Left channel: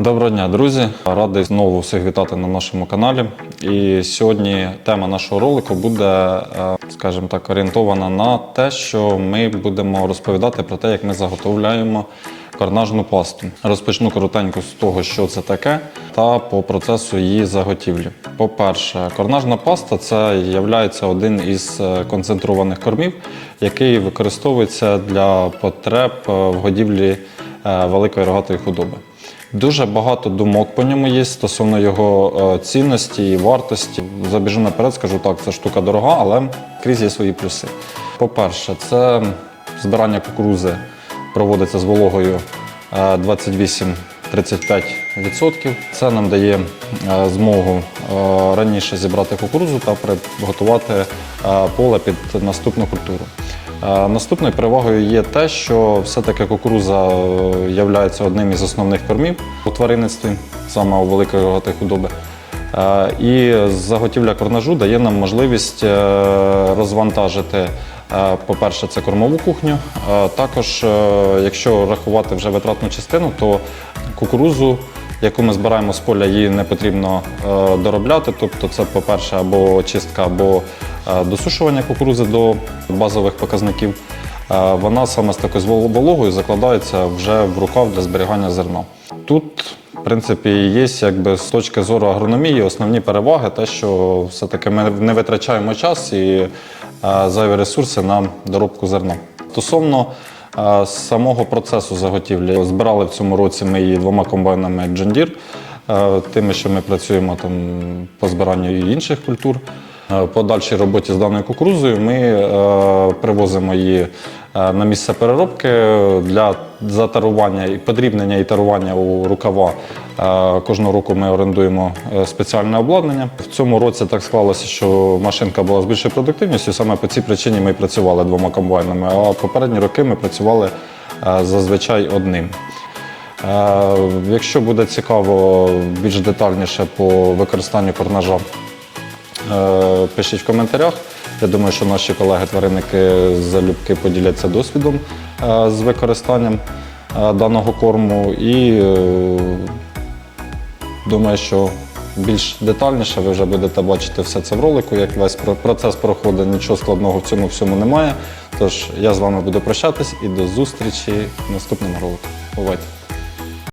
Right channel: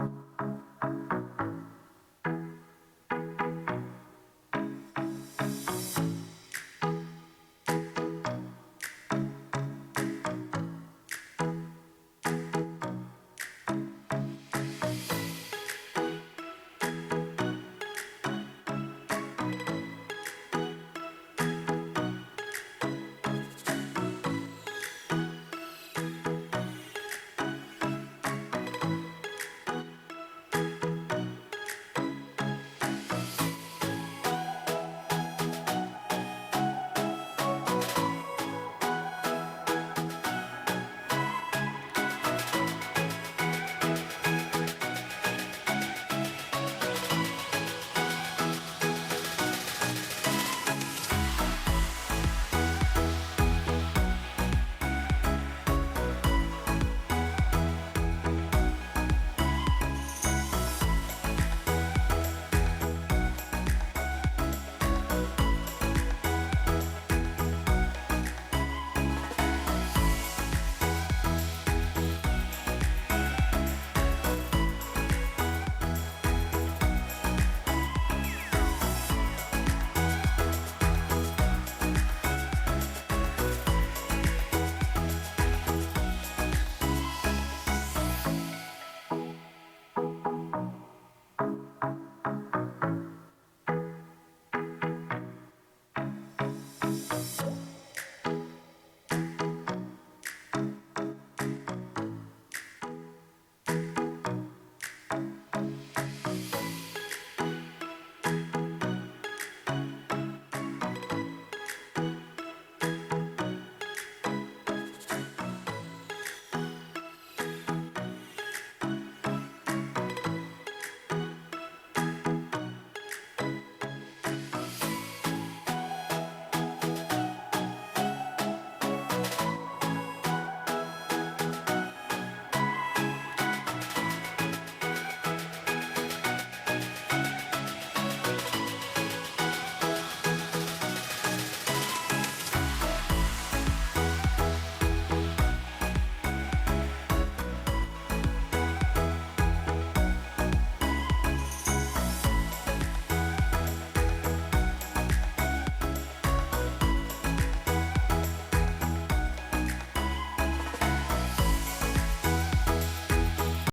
Доброго дня, друзі! Радий знову всіх вітати на нашому каналі. І сьогодні тема нашого ролику буде, е, скажімо так, орієнтована на те, що ми будемо розповідати про те, як ми заготовляємо карнажну пасту. Розпочну коротенько з того, що це таке, та по процесу її заготівлі. По-перше, карнажна паста це є один із е, концентрованих кормів, який використовується для потреб е, в годівлі е, великої рогатої худоби. Дуже багато думок по ньому є стосовно його цінності і вартості. Забіжу наперед, скажу так, це штука дорога, але крізь є свої плюси. По-перше, це збирання кукурузи проводиться з вологою 28-35%. Це нам дає е, змогу е, раніше зібрати кукурузу та приготувати е, поле під наступну культуру. Наступною перевагою є те, що все-таки кукуруза є одним із основних кормів у тваринництві, саме у великої худоби. Е, І заготівля корнажу дає нам можливість е, розвантажити, е, по-перше, це кормову кухню. Також, якщо рахувати вже витратну частину, то кукурузу, яку ми збираємо з поля, її не потрібно доробляти. Тобто, це, по-перше, або чистка, або досушування кукурузи до базових показників. Вона саме з такою вологою закладається вже в рукав для зберігання зерна. Тут, в принципі, є якби з точки зору агрономії основні переваги, те, що все-таки ми не витрачаємо час і е, зайві ресурси на доробку зерна. Стосовно е, самого процесу заготівлі, збирали в цьому році ми її двома комбайнами John Deere, е, тими, що ми працюємо там по збиранню інших культур. По дальшій роботі з даною кукурузою ми привозимо її на місце переробки для затарування і подрібнення і тарування у рукава. Е, Кожного року ми орендуємо е, спеціальне обладнання. В цьому році так склалося, що машинка була з більшою продуктивністю. Саме по цій причині ми працювали двома комбайнами. А попередні роки ми працювали е, зазвичай одним. Е, Якщо буде цікаво більш детальніше по використанню корнажа, Е, Пишіть в коментарях. Я думаю, що наші колеги-тваринники залюбки поділяться досвідом е, з використанням е, даного корму. І е, думаю, що більш детальніше ви вже будете бачити все це в ролику, як весь процес проходить. Нічого складного в цьому всьому немає. Тож я з вами буду прощатись і до зустрічі в наступному ролику. Бувайте!